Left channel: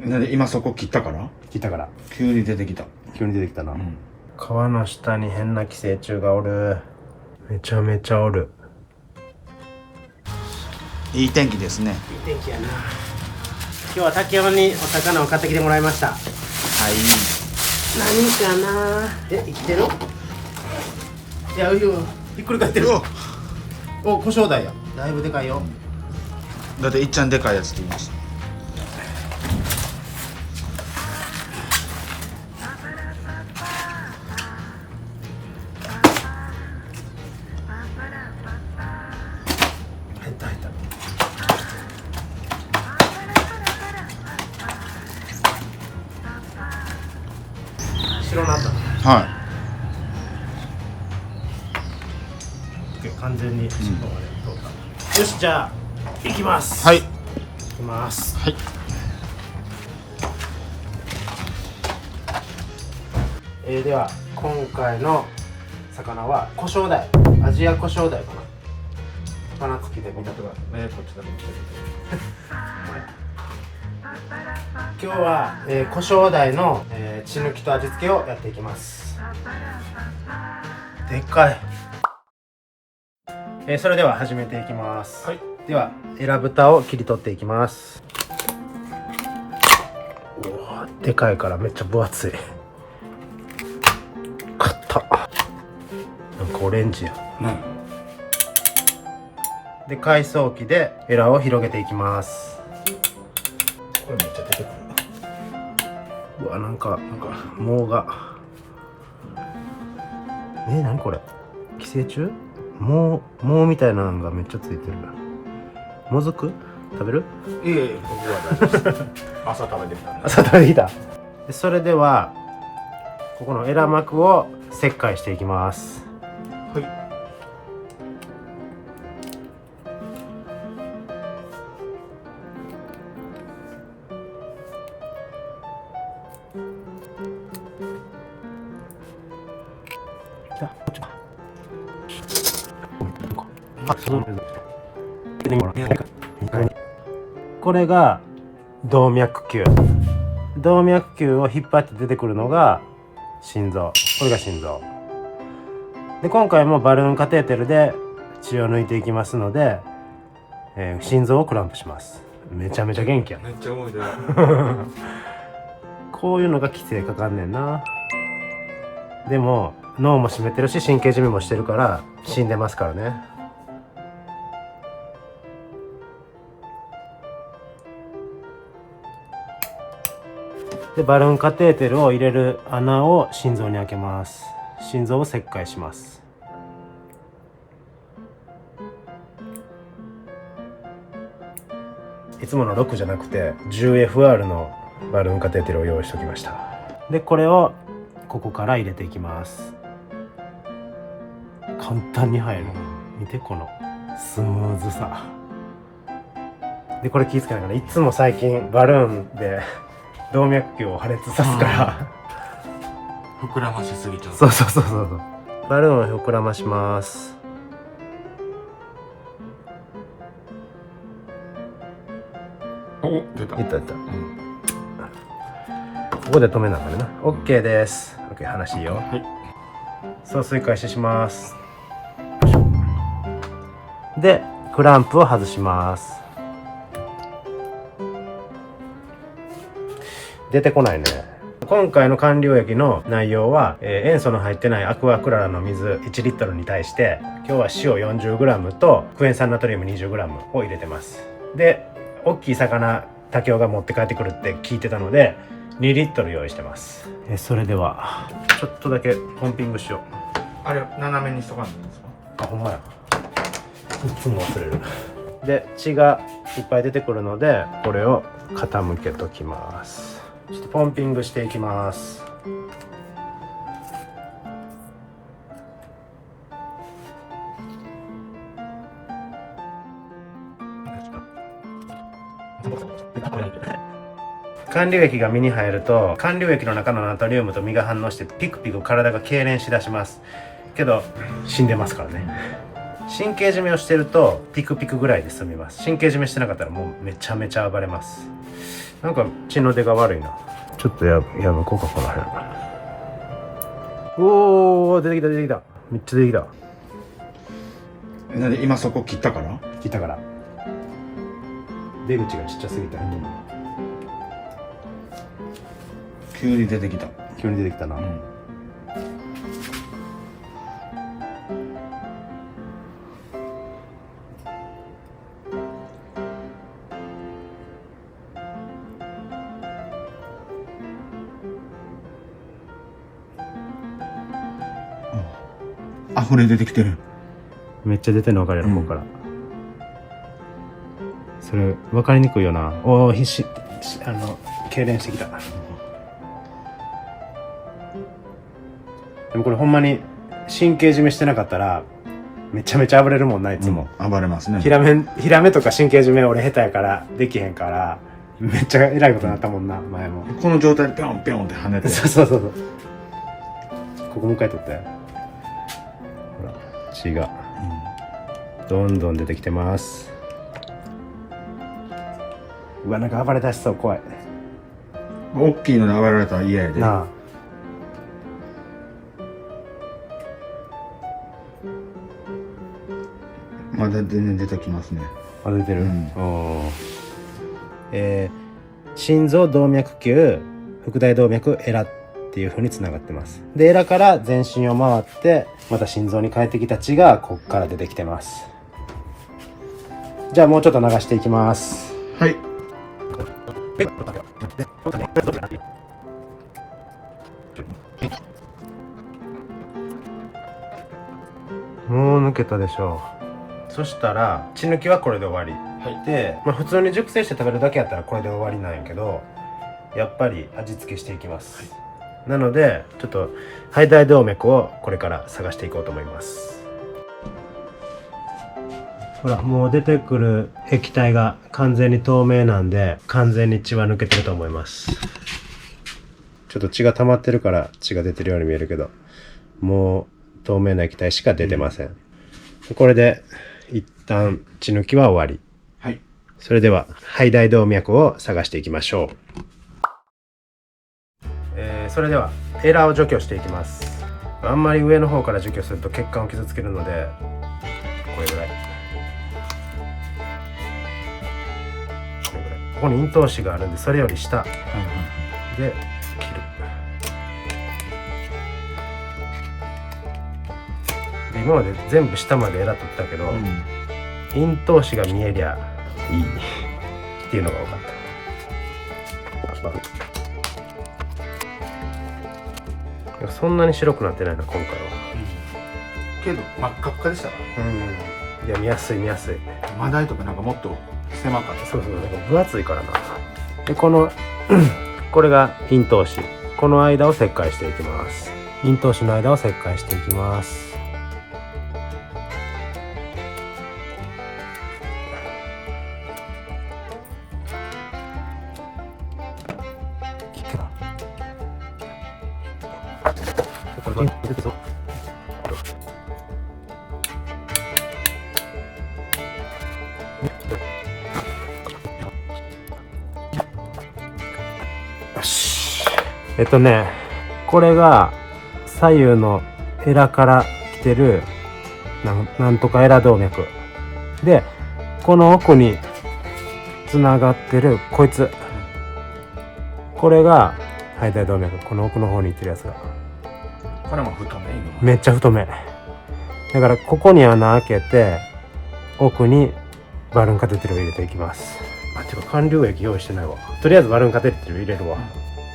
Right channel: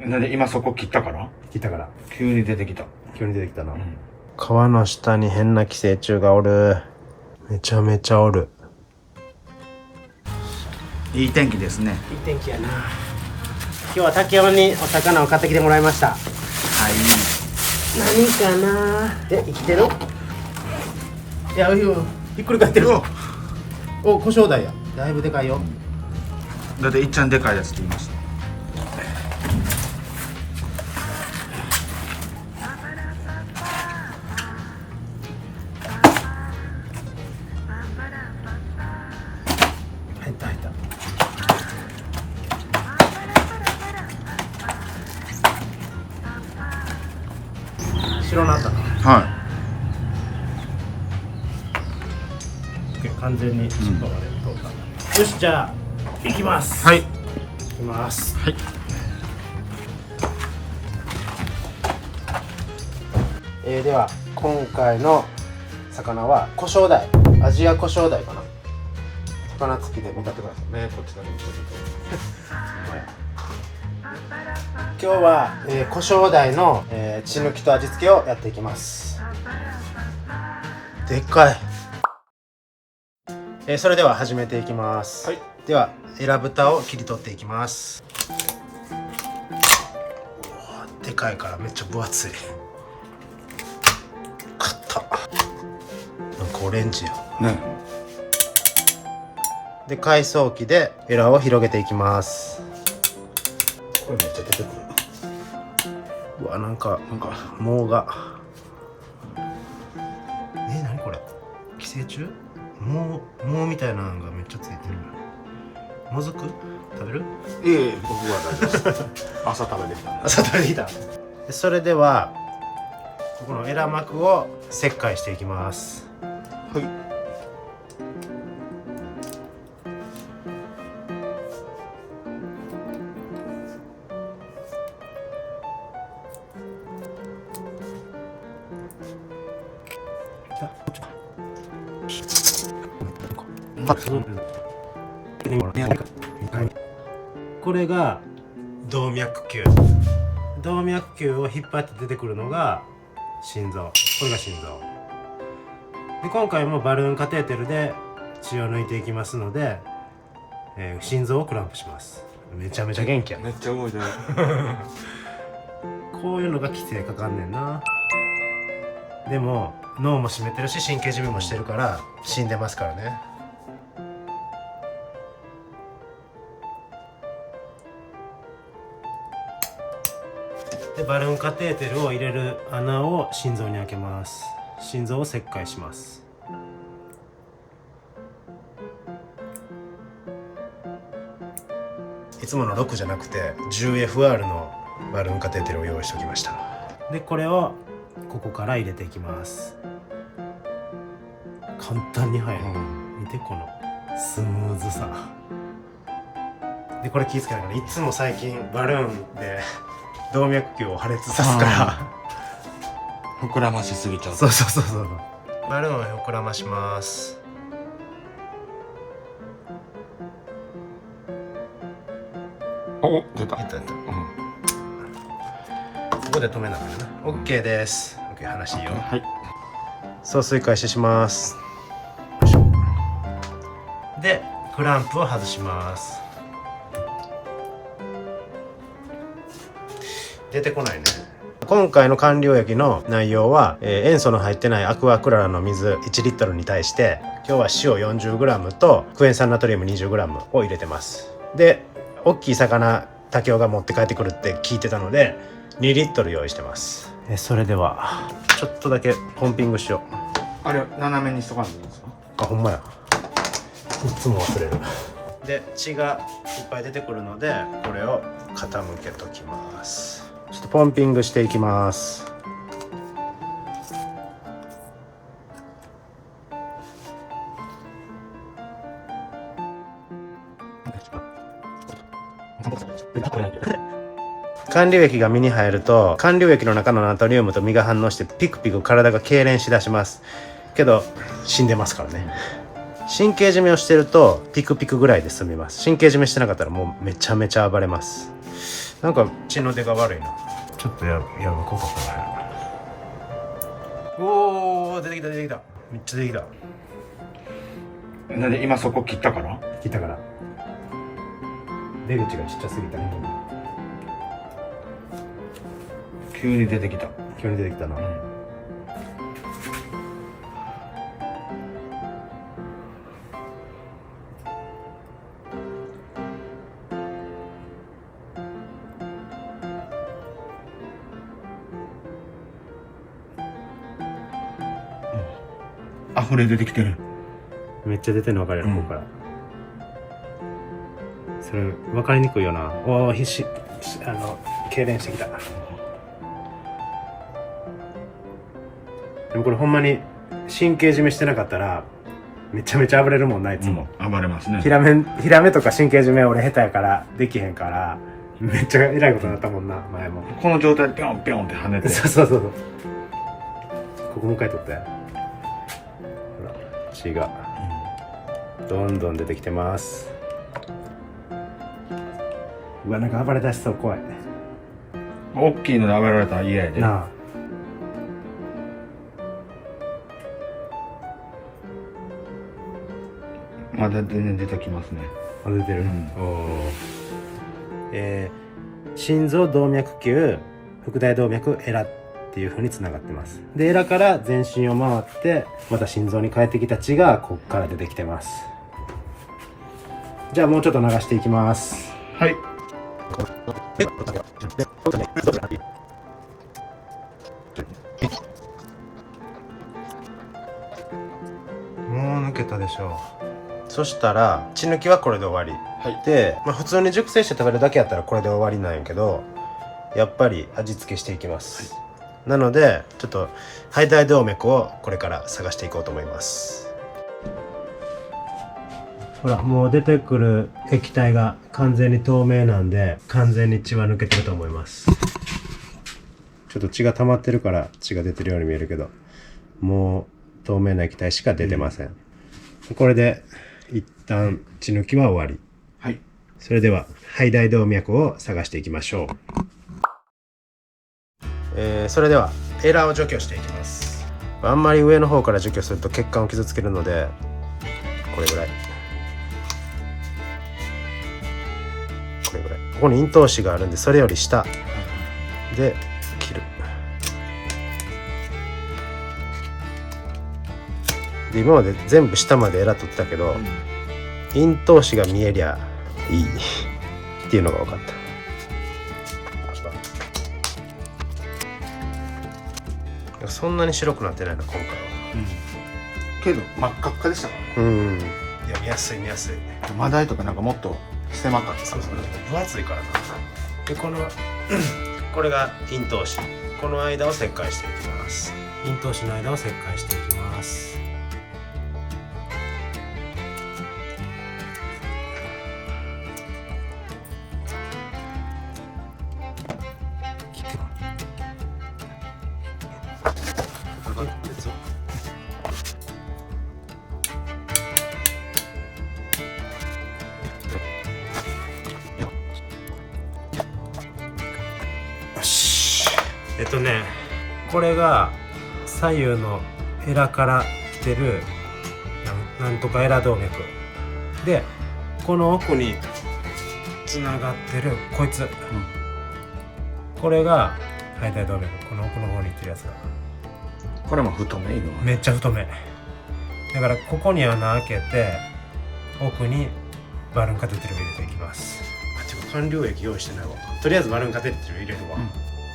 なんで今そこ切ったから急に出てきた。な、川の下に変な寄生虫がおる。めちゃめちゃおる。いい天気ですね。いい天気やな。今日は竹山にお魚を買ってきてもらいました。はい。何かな。生きてる？いや、ひっくり返ってる。お、コショウダイや。だいぶでかいよ。だっていっちゃんでかいやつって言いました。入った。白なったな。は完全に尻尾まで通った、よし、じゃあ行きます。はい。行きます。はい。では今回の魚はコショウダイ、アジアコショウダイかな。魚付きで見てくださいね。こっちだけ今日は、コショウダイの、血抜きと味付けをやっていきます。でっかい。それでは始めていきます。はい、ではエラ豚を切り取っていきます。でかいからめっちゃ分厚い。硬っ。なんかオレンジやね。で海藻機でエラを広げていきます。これめっちゃ出てくる。うわ、なんか藻が何これ、寄生虫？藻みたいなのがめっちゃついてる。もずく食べる？いえ、僕は大丈夫です。朝食べてきた。朝食べてきた。それではここのエラ膜を切開していきます。はい。これが動脈球。動脈球を引っ張って出てくるのが心臓。これが心臓で、今回もバルーンカテーテルで血を抜いていきますので、心臓をクランプします。めちゃめちゃ元気や。めっちゃ動いてる。こういうのが規制かかんねんな。でも脳も締めてるし神経締めもしてるから死んでますからね。でバルーンカテーテルを入れる穴を心臓に開けます。心臓を切開します。いつもの6じゃなくて 10FR のバルーンカテーテルを用意しておきました。でこれをここから入れていきます。簡単に入る、見てこのスムーズさで。これ気ぃつけながら、いつも最近バルーンで動脈球を破裂さすから膨らましすぎちゃう。そうバルーンを膨らまします。お、出た。いった、ここで止めながらな。 OK です。 OK、 話いいよ。はい。送水開始します。でクランプを外します。出てこないね。今回の管理液の内容は、塩素の入ってないアクアクララの水1リットルに対して今日は塩 40g とクエン酸ナトリウム 20g を入れてます。で大きい魚竹雄が持って帰ってくるって聞いてたので2リットル用意してます。それではちょっとだけポンピングしよう。あれ斜めにしとかないといいんですか？あ、ほんまや、いつも忘れる。で血がいっぱい出てくるのでこれを傾けときます。ちょっとポンピングしていきます。管理液が身に入ると管理液の中のナトリウムと身が反応してピクピク体が痙攣しだしますけど死んでますからね。神経締めをしてるとピクピクぐらいで済みます。神経締めしてなかったらもうめちゃめちゃ暴れます。なんか血の出が悪いな。ちょっとやぶこうかこの辺。おお、出てきた出てきた。めっちゃ出てきた。なんで今そこ切ったから？切ったから。出口がちっちゃすぎた。急に出てきた。急に出てきたな。溢れ出てきてる。めっちゃ出てるの分かるやろ、ここから。それ分かりにくいよな。おお、痙攣してきた。でもこれほんまに神経締めしてなかったらめちゃめちゃ暴れるもんな、いつも。暴れますね。ヒラメとか神経締め俺下手やからできへんから、めっちゃえらいことになったもんな、前も。この状態でピョンピョンって跳ねて。そう。ここもう一回取ったよ。血がどんどん出てきてます。うわ、なんか暴れ出しそう、怖い。大きいので暴れられたら嫌やで。なあ。まだ全然出てきますね。あ、出てる。おー。心臓、動脈球、腹大動脈、エラっていう風につながってます。で、エラから全身を回ってまた心臓に帰ってきた血がこっから出てきてます。じゃあもうちょっと流していきます。はい。もう抜けたでしょう。そしたら血抜きはこれで終わり、で、普通に熟成して食べるだけやったらこれで終わりなんやけど、やっぱり味付けしていきます、なのでちょっと肺大動脈をこれから探していこうと思います。ほら、もう出てくる液体が完全に透明なんで完全に血は抜けてると思います。ちょっと血が溜まってるから血が出てるように見えるけど、もう透明な液体しか出てません、これで一旦血抜きは終わり。はい。それでは肺大動脈を探していきましょう。それではエラーを除去していきます。あんまり上の方から除去すると血管を傷つけるので、これぐらい、これぐらい。ここに咽頭歯があるんで、それより下で切る。で、今まで全部下までエラ取ったけど、咽頭歯が見えりゃいいっていうのが分かった。そんなに白くなってないな今回は。けど真っ赤っかでしたかいら。や、見やすい。マダイとかなんかもっと狭かった。そう、分厚いからな。で、これが咽頭歯、この間を切開していきます。咽頭歯の間を切開していきます。よし。これが左右のエラから来てるなんとかエラ動脈で、この奥につながってるこいつ、これが肺大動脈。この奥の方に行ってるやつがこれも太め。めっちゃ太めだから、ここに穴開けて奥にバルーンカテーテルを入れていきます。てか管流液用意してないわ。とりあえずバルーンカテーテル入れるわ、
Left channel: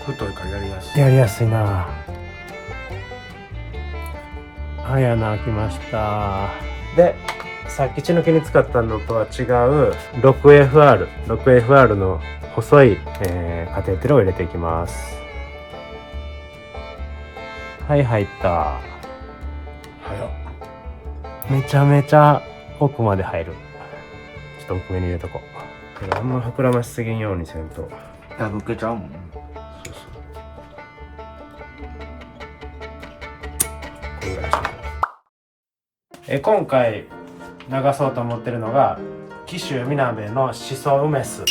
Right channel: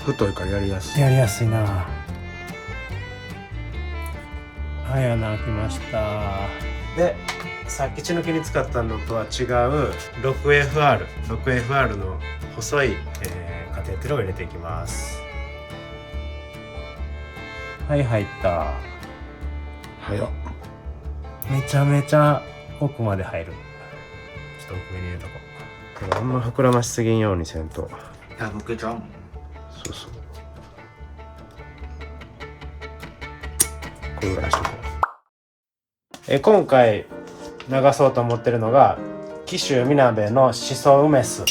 太いからやりやすい。やりやすいな。はい、穴開きました。で、さっき血抜きに使ったのとは違う 6FR の細い、カテーテルを入れていきます。はい、入った。早っ。めちゃめちゃ奥まで入る。ちょっと奥目に入れとこう。あんま膨らましすぎんようにせんと抜けちゃうもん。そうこれぐらいしとこう。今回流そうと思ってるのが紀州みなべのしそ梅酢、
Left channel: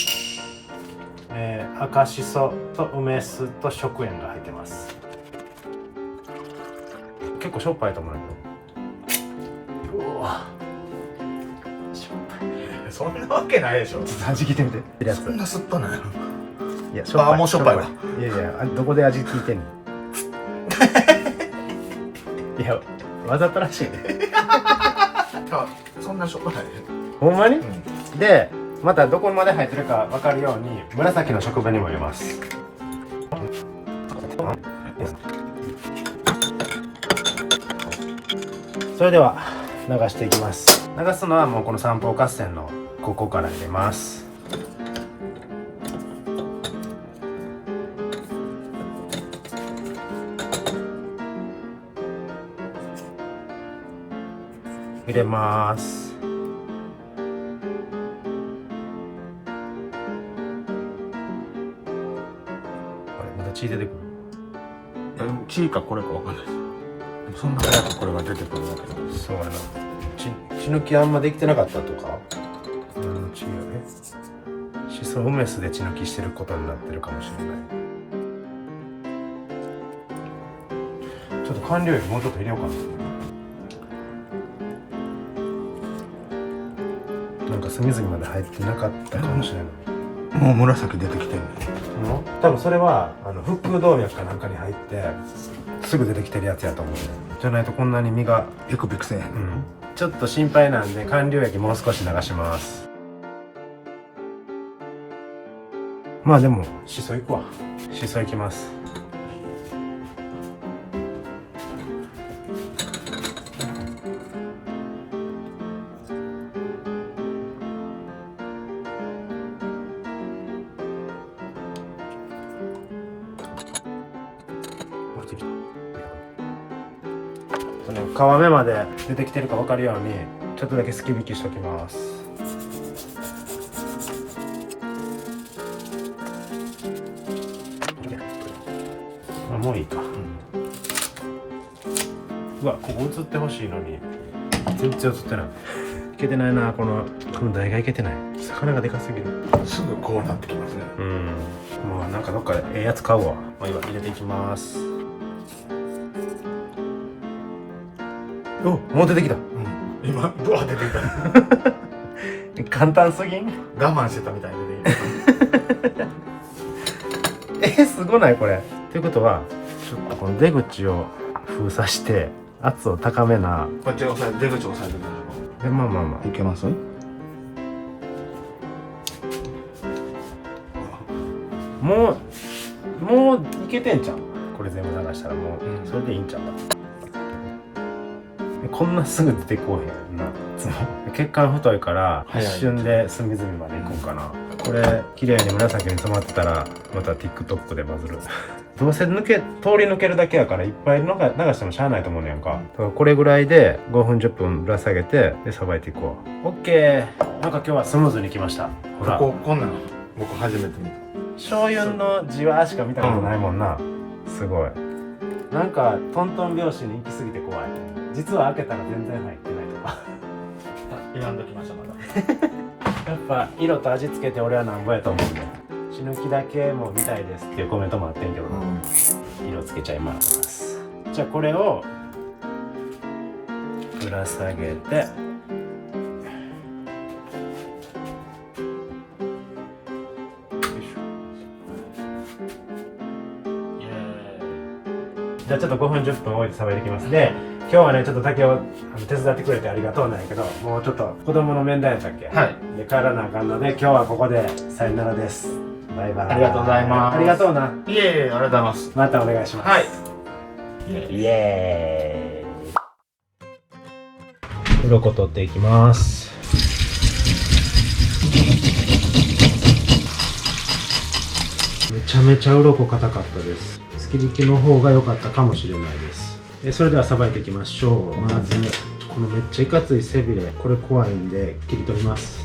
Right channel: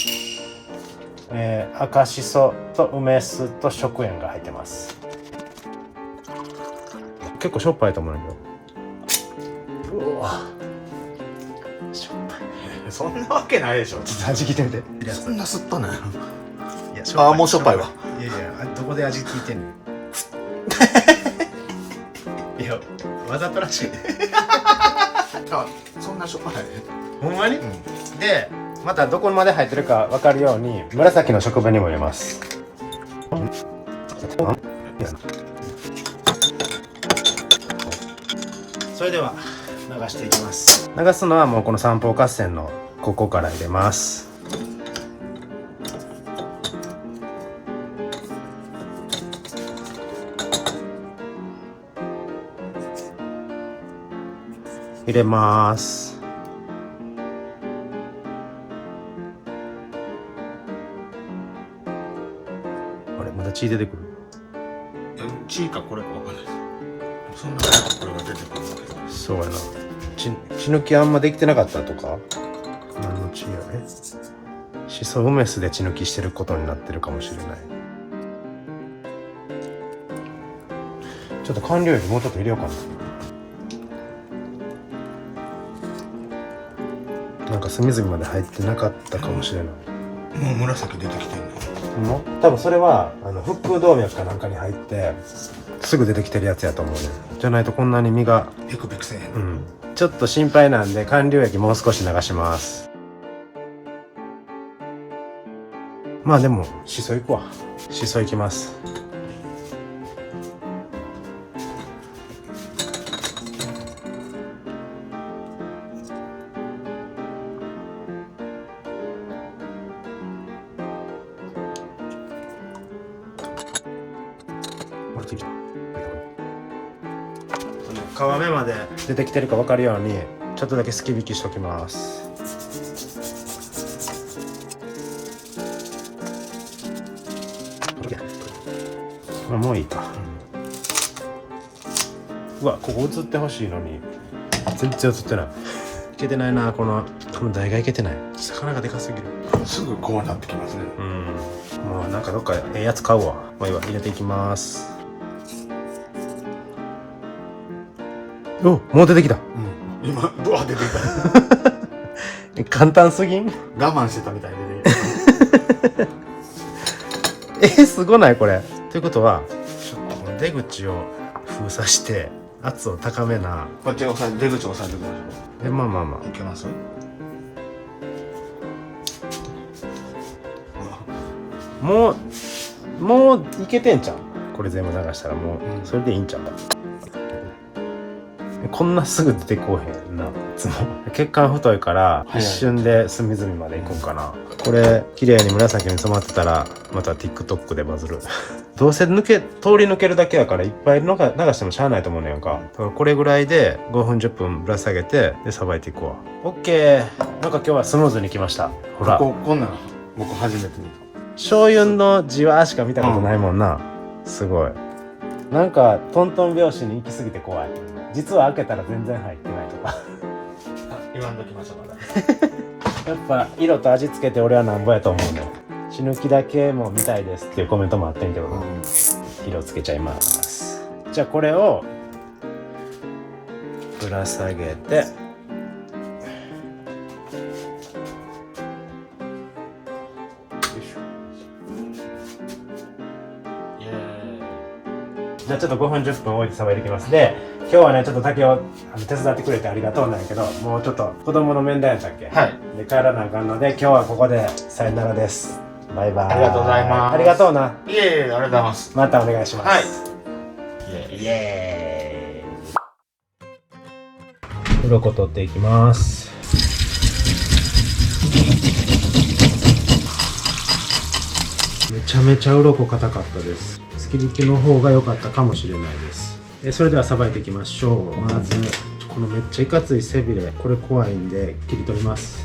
赤しそと梅酢と食塩が入ってます。結構しょっぱいと思うよ。うわ、しょっぱい。そんなわけないでしょ。ちょっと味聞いてみて。そんな酸っぱない。いや、しょっぱい。もうしょっぱいわ。いやいや、どこで味聞いてんの。いや、わざとらしい。あ、そんなしょっぱない。ほんまに？うん。で、またどこまで入ってるか分かるように紫の食紅も入れます。それでは流していきます。流すのはもうこの三方合戦のここから入れます。入れます。あれ、まだ血出てくる。血かこれかわかんないです。そんなこれが出てくるわけないです。そうやな。血抜きあんまできてなかったとか。何の血やね。しそ梅酢で血抜きしてることになってるかもしれない。ちょっと完了よりもうちょっと入れようかな。なんか隅々まで入ってなかったかもしれない。もう紫出てきてんね。多分それは腹腔動脈かなんかに入ってすぐ出てきてるやつやと思うね。じゃないとこんなに身がビクビクせえへん。ちょっと心配なんで完了液もう少し流します。まあでもしそいくわ。しそいきます。皮目まで出てきてるか分かるようにちょっとだけすき引きしときます。もういいか。うわ、ここ映ってほしいのに全然映ってない。いけてないな。この台がいけてない。魚がでかすぎる。すぐこうなってきますね。もうなんかどっかええやつ買うわ。もういいわ、入れていきます。お、もう出てきた。今ブワー出てきた。簡単すぎん？我慢してたみたいに出てきた。すごないこれ。ということはちょっとこの出口を封鎖して圧を高めな。こっち押さえ、出口押さえておきましょう。まあまあまあいけます？もういけてんじゃん。これ全部流したらもう、それでいいんちゃう。こんなすぐ出てこうへんな。血管太いから一瞬で隅々までいくんかな。これ綺麗に紫に染まってたらまた TikTok でバズる。どうせ通り抜けるだけやからいっぱい流してもしゃあないと思うねやんか。だからこれぐらいで5分10分ぶら下げてでさばいていこう。 OK。 なんか今日はスムーズにいきました。ほら、こんなの僕初めて見た。醤油のじわしか見たことないもんな。すごい。なんかトントン拍子に行き過ぎて怖い。実は開けたら全然入ってないとか。言わんときましたまだ。やっぱ色と味付けて俺はなんぼやと思うんで、血抜きだけも見たいですっていうコメントもあってんけど、色つけちゃいます。じゃあこれをぶら下げて、じゃあちょっと5分10分置いてさばいていきます。で、今日はねちょっと竹を手伝ってくれてありがとうなんやけど、もうちょっと子供の面談やったっけ。はい。で帰らなあかんので今日はここでさよならです。バイバイ。ありがとうございます。ありがとうな。いえいえ、ありがとうございます。またお願いします。はい。イエーイ。鱗取っていきます。めちゃめちゃ鱗硬かったです。すき引きの方が良かったかもしれないです。それではさばいていきましょう。まずこのめっちゃいかつい背びれ、これ怖いんで切り取ります。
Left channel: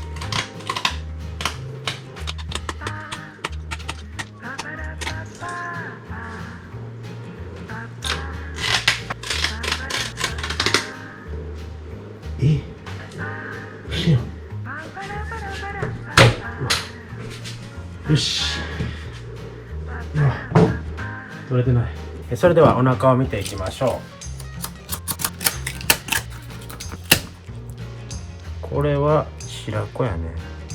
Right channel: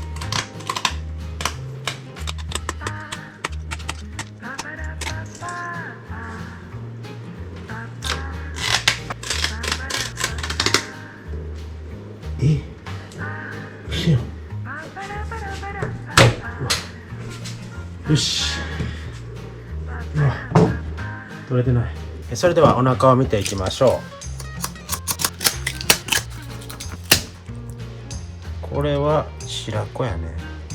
よし。取れてない。それではお腹を見ていきましょう。これは白子やね。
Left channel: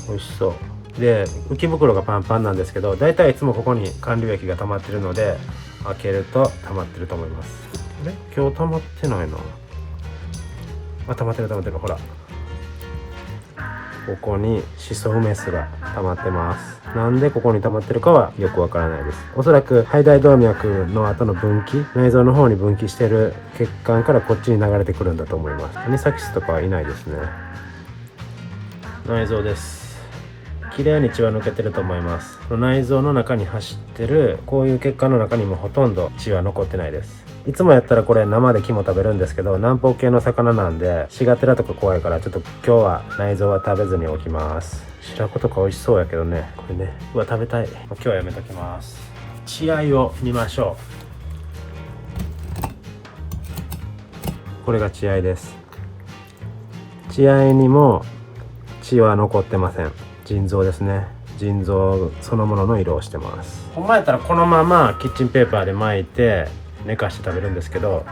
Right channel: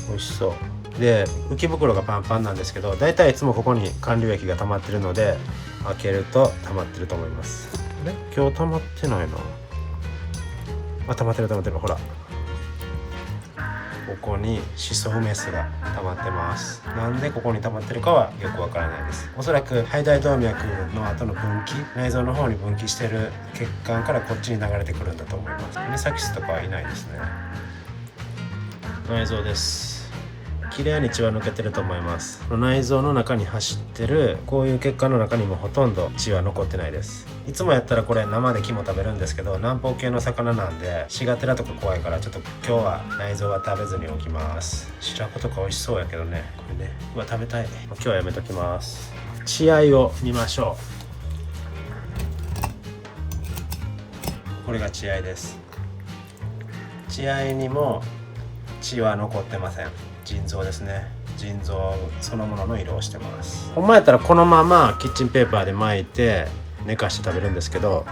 美味しそうで、浮き袋がパンパンなんですけど、だいたいいつもここに韓流液が溜まってるので、開けると溜まってると思います。あれ、今日溜まってないな。あ、溜まってるほら、ここにシソ梅酢が溜まってます。なんでここに溜まってるかはよくわからないです。おそらく肺大動脈の後の分岐、内臓の方に分岐してる血管からこっちに流れてくるんだと思います。アニサキスとかはいないですね。内臓です。綺麗に血は抜けてると思います。内臓の中に走ってるこういう血管の中にもほとんど血は残ってないです。いつもやったらこれ生で肝食べるんですけど、南方系の魚なんでシガテラとか怖いから、ちょっと今日は内臓は食べずにおきます。白子とか美味しそうやけどね、これね、うわ食べたい。今日はやめときます。血合いを見ましょう。これが血合いです。血合いにも血は残ってません。腎臓ですね。腎臓そのものの色をしてます。ほんまやったらこのままキッチンペーパーで巻いて寝かして食べるんですけど、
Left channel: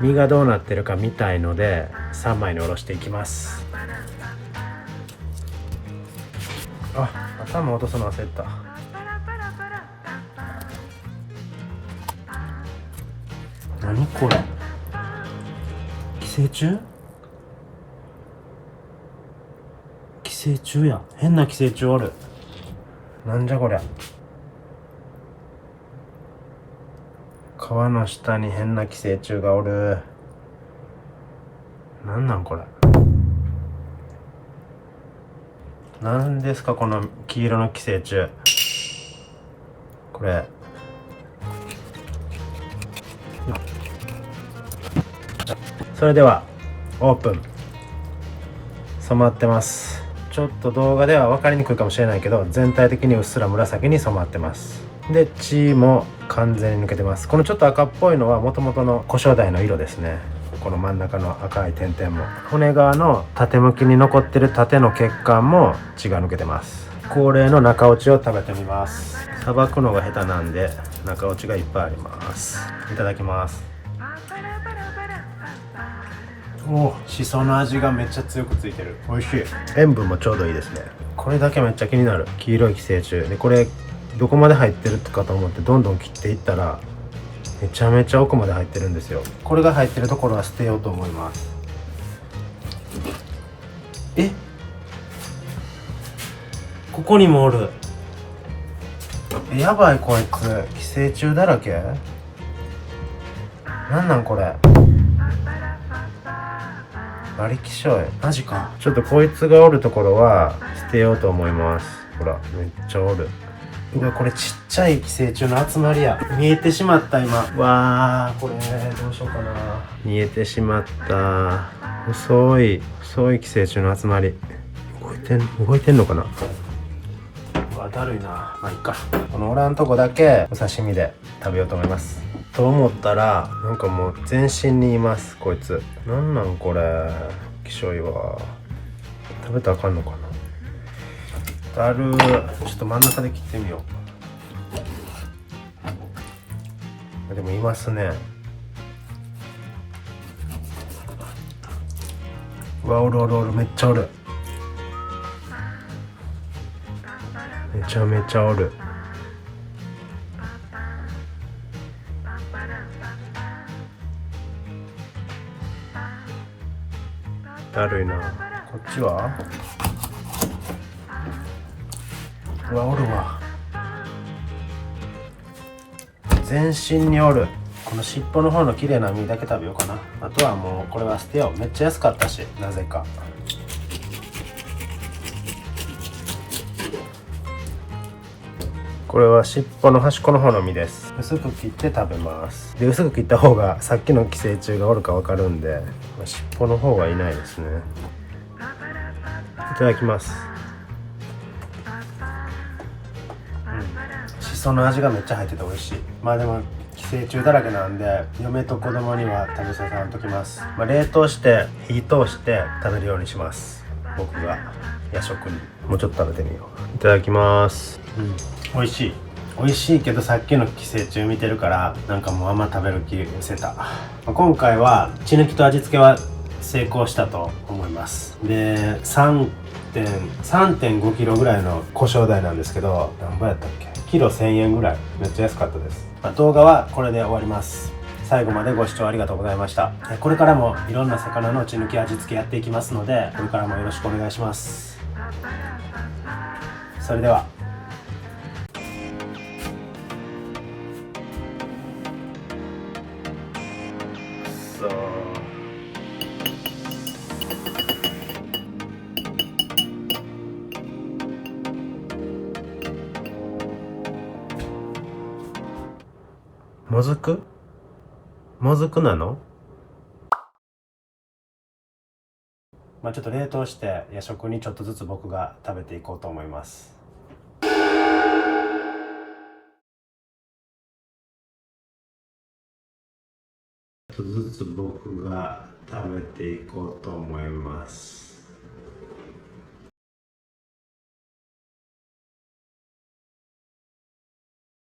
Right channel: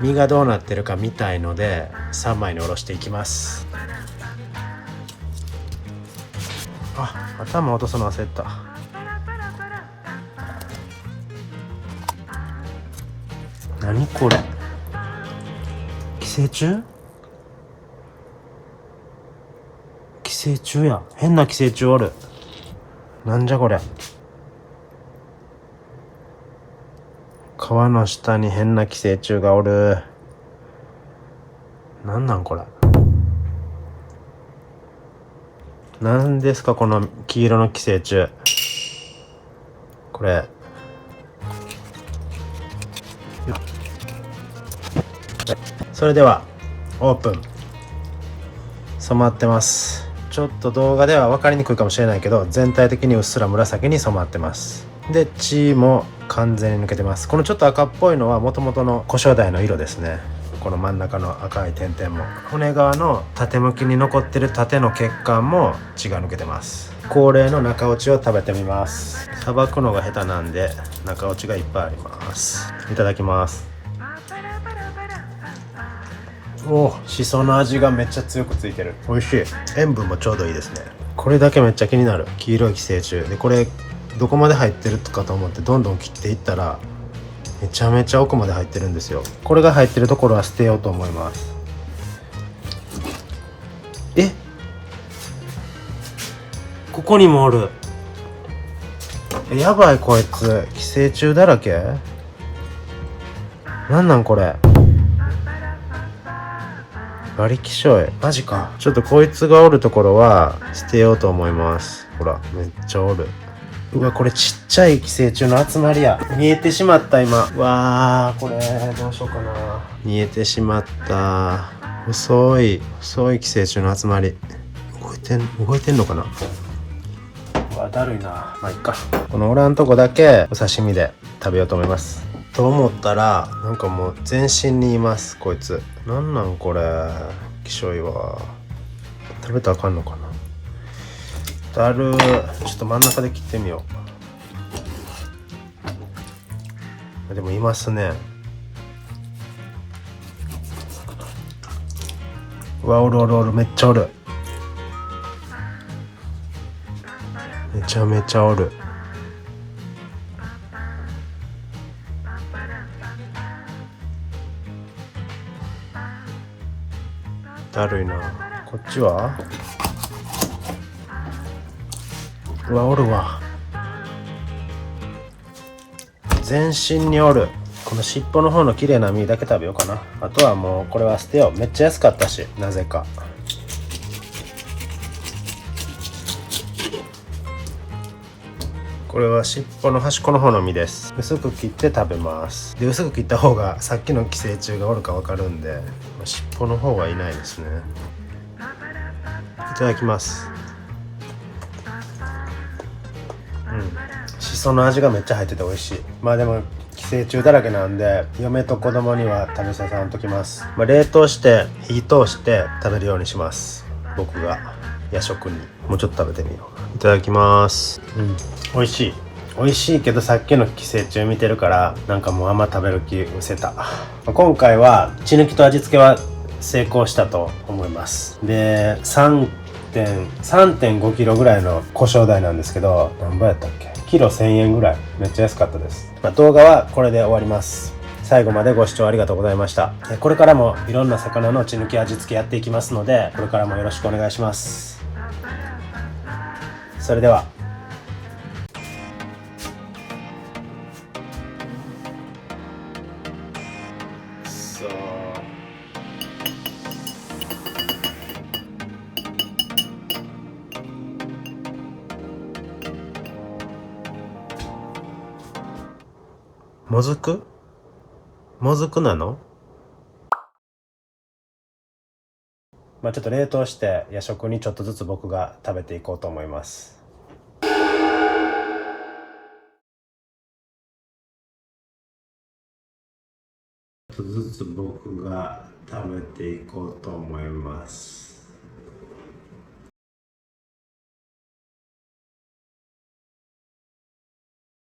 身がどうなってるか見たいので3枚におろしていきます。あ、頭落とすの忘れた。何これ、寄生虫？寄生虫やん。変な寄生虫おる。なんじゃこれ。皮の下に変な寄生虫がおる。なんなんこれ。なんですかこの黄色の寄生虫。これそれではオープン。染まってます。ちょっと動画では分かりにくいかもしれないけど、全体的にうっすら紫に染まってます。で、血も完全に抜けてます。このちょっと赤っぽいのは元々の古生代の色ですね。この真ん中の赤い点々も、骨側の縦向きに残ってる縦の血管も血が抜けてます。恒例の中落ちを食べてみます。さばくのが下手なんで中落ちがいっぱいあります。いただきます。お、しその味がめっちゃ強くついてる。美味しい。塩分もちょうどいいですね。これだけめっちゃ気になる。黄色い寄生虫で、これどこまで入ってるかと思ってどんどん切っていったらめちゃめちゃ奥まで入ってるんですよ。これが入ってるところは捨てようと思います。え、ここにもおる。やばい、こいつ寄生虫だらけ。なんなんこれ、バリキショイ、マジか。ちょっとこいつがおるところは捨てようと思います。ほらめっちゃおる。うわ、これちっちゃい寄生虫の集まりや。見えてしまった今。わー、これどうしようかな。見えてしまった。細い寄生虫の集まり。動いてんのかな。うわ、だるいな。まあいっか。このおらんとこだけお刺身で食べようと思います。と思ったらなんかもう全身にいます、こいつ。なんなんこれ、きしょいわ。食べたらあかんのかな。だるー。ちょっと真ん中で切ってみよう。でもいますね。うわ、おる、めっちゃおる。めちゃめちゃおる。だるいな。こっちはうわ、おるわ。全身におる。この尻尾の方の綺麗な身だけ食べようかな。あとはもうこれは捨てよう。めっちゃ安かったし、なぜか。これは尻尾の端っこの方の身です。薄く切って食べます。で、薄く切った方がさっきの寄生虫がおるかわかるんで、尻尾の方はいないですね。いただきます。しその味がめっちゃ入ってて美味しい。まあでも寄生虫だらけなんで、嫁と子供には食べさせんときます。冷凍して火通して食べるようにします。僕が夜食に。もうちょっと食べてみよう。いただきます。美味しい。美味しいけどさっきの寄生虫見てるからなんかもうあんま食べる気失せた。今回は血抜きと味付けは成功したと思います。で3.5 キロぐらいの胡椒代なんですけど、何倍やったっけ、キロ1000円ぐらい、めっちゃ安かったです。動画はこれで終わります。最後までご視聴ありがとうございました。これからもいろんな魚の血抜き味付けやっていきますので、これからもよろしくお願いします。それでは。もずくなの？ちょっと冷凍して夜食にちょっとずつ僕が食べていこうと思います。ちょっとずつ僕が食べていこうと思います。